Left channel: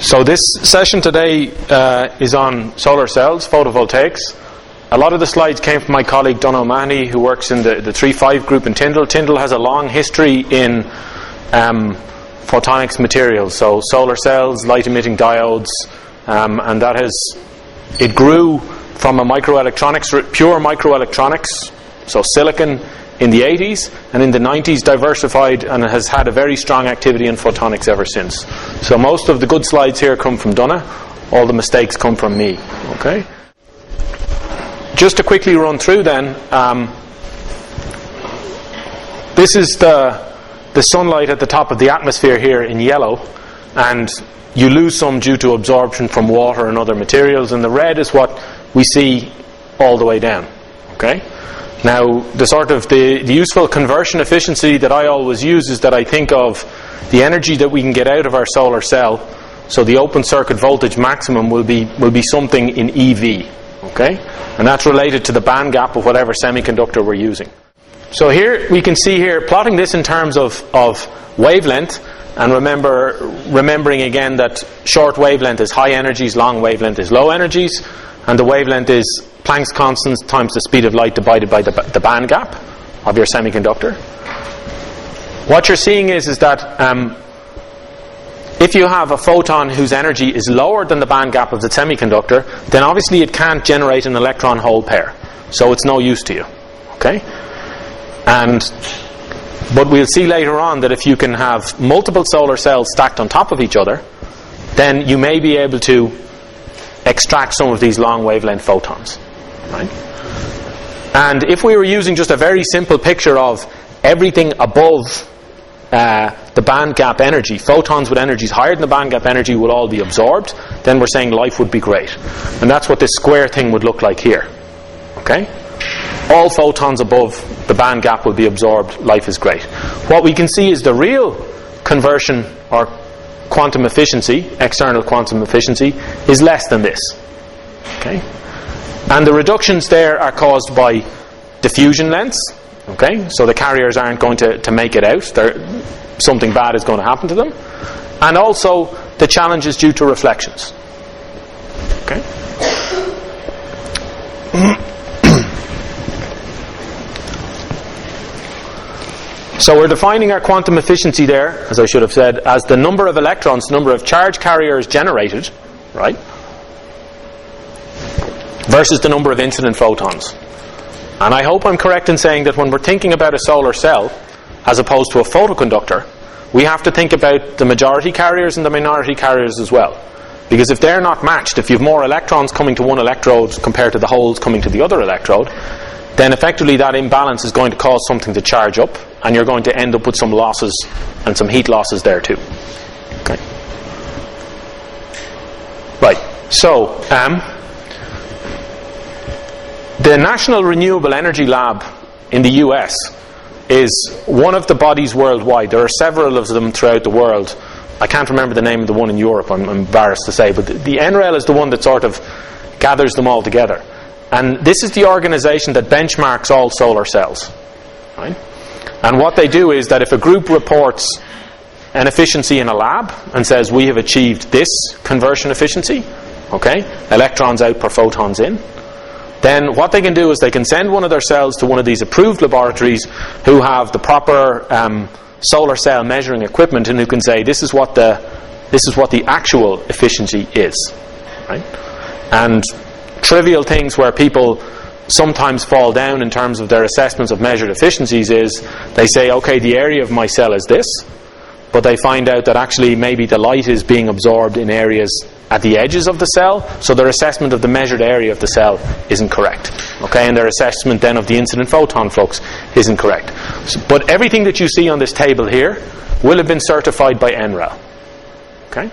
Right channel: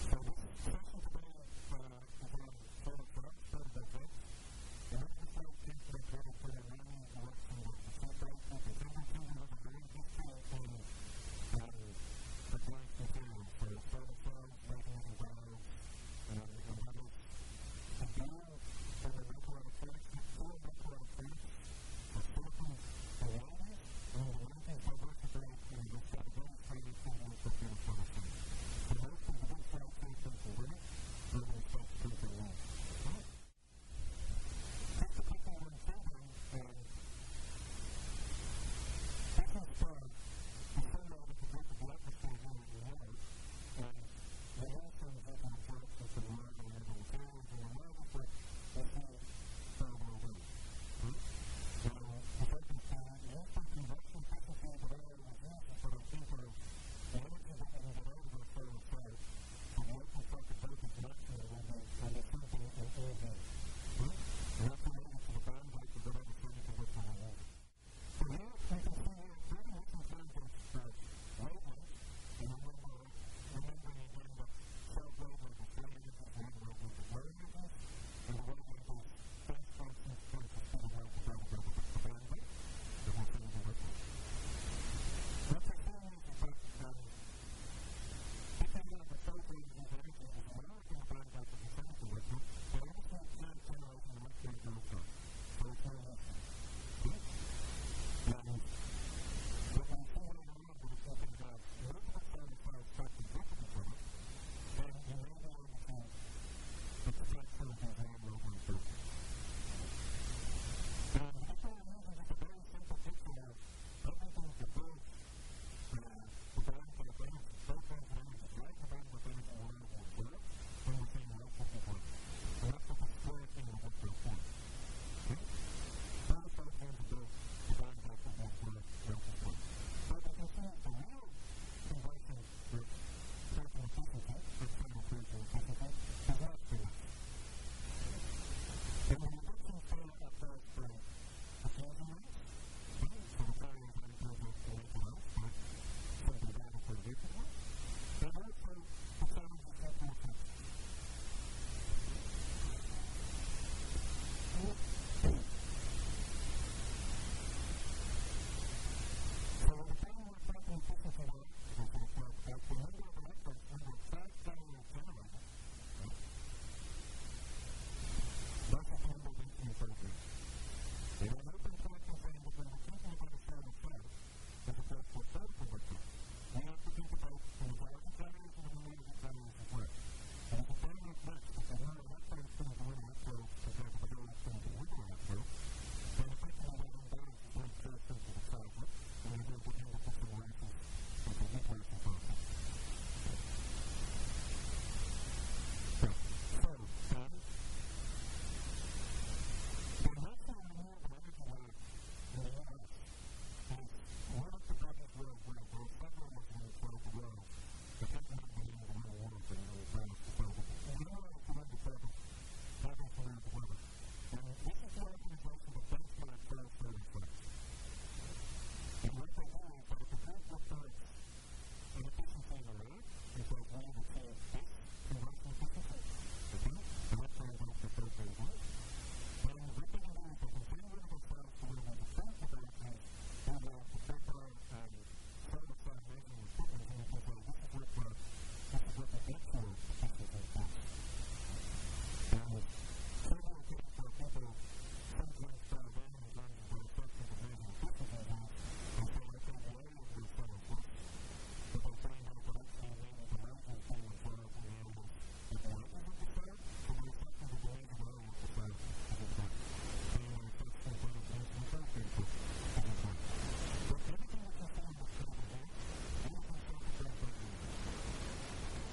So this session today is on solar cells, photovoltaics. A lot of the slides came from my colleague Donal O'Mahony, who works in the 3-5 group in Tyndall. Tyndall has a long history in photonics materials, so solar cells, light emitting diodes, and it grew from a microelectronics, pure microelectronics, so silicon, in the 80s, and in the 90s diversified and has had a very strong activity in photonics ever since. So most of the good slides here come from Donna, all the mistakes come from me. Okay. Just to quickly run through then, this is the sunlight at the top of the atmosphere here in yellow, and you lose some due to absorption from water and other materials, and the red is what we see all the way down. Okay. Now, the useful conversion efficiency that I always use is that I think of the energy that we can get out of our solar cell. So the open circuit voltage maximum will be something in EV, okay? And that's related to the band gap of whatever semiconductor we're using. So here we can see here, plotting this in terms of wavelength, and remembering again that short wavelength is high energies, long wavelength is low energies, and the wavelength is Planck's constant times the speed of light divided by the band gap of your semiconductor. What you're seeing is that if you have a photon whose energy is lower than the band gap of the semiconductor, then obviously it can't generate an electron-hole pair, so it's no use to you. Okay? But we'll see later on that if you can have multiple solar cells stacked on top of each other, then you may be able to extract some of these long wavelength photons. Right? And if we were using just a very simple picture of everything above the band gap energy, photons with energies higher than the band gap energy will all be absorbed, then we're saying life would be great. And that's what this square thing would look like here. Okay? All photons above the band gap will be absorbed, life is great. What we can see is the real conversion or quantum efficiency, external quantum efficiency, is less than this. Okay? And the reductions there are caused by diffusion lengths. Okay? So the carriers aren't going to make it out. Something bad is going to happen to them. And also the challenge is due to reflections. Okay? So we're defining our quantum efficiency there, as I should have said, as the number of electrons, number of charge carriers generated, right, versus the number of incident photons. And I hope I'm correct in saying that when we're thinking about a solar cell, as opposed to a photoconductor, we have to think about the majority carriers and the minority carriers as well. Because if they're not matched, if you have more electrons coming to one electrode compared to the holes coming to the other electrode, then effectively that imbalance is going to cause something to charge up, and you're going to end up with some losses and some heat losses there too. Okay. Right. So, the National Renewable Energy Lab in the US is one of the bodies worldwide. There are several of them throughout the world. I can't remember the name of the one in Europe, I'm embarrassed to say, but the NREL is the one that sort of gathers them all together. And this is the organization that benchmarks all solar cells. Right? And what they do is that if a group reports an efficiency in a lab and says we have achieved this conversion efficiency, okay, electrons out per photons in, then what they can do is they can send one of their cells to one of these approved laboratories who have the proper solar cell measuring equipment, and who can say this is what the actual efficiency is. Right? And trivial things where people sometimes fall down in terms of their assessments of measured efficiencies is they say, okay, the area of my cell is this, but they find out that actually maybe the light is being absorbed in areas at the edges of the cell, so their assessment of the measured area of the cell isn't correct. Okay, and their assessment then of the incident photon flux isn't correct. But everything that you see on this table here will have been certified by NREL. Okay?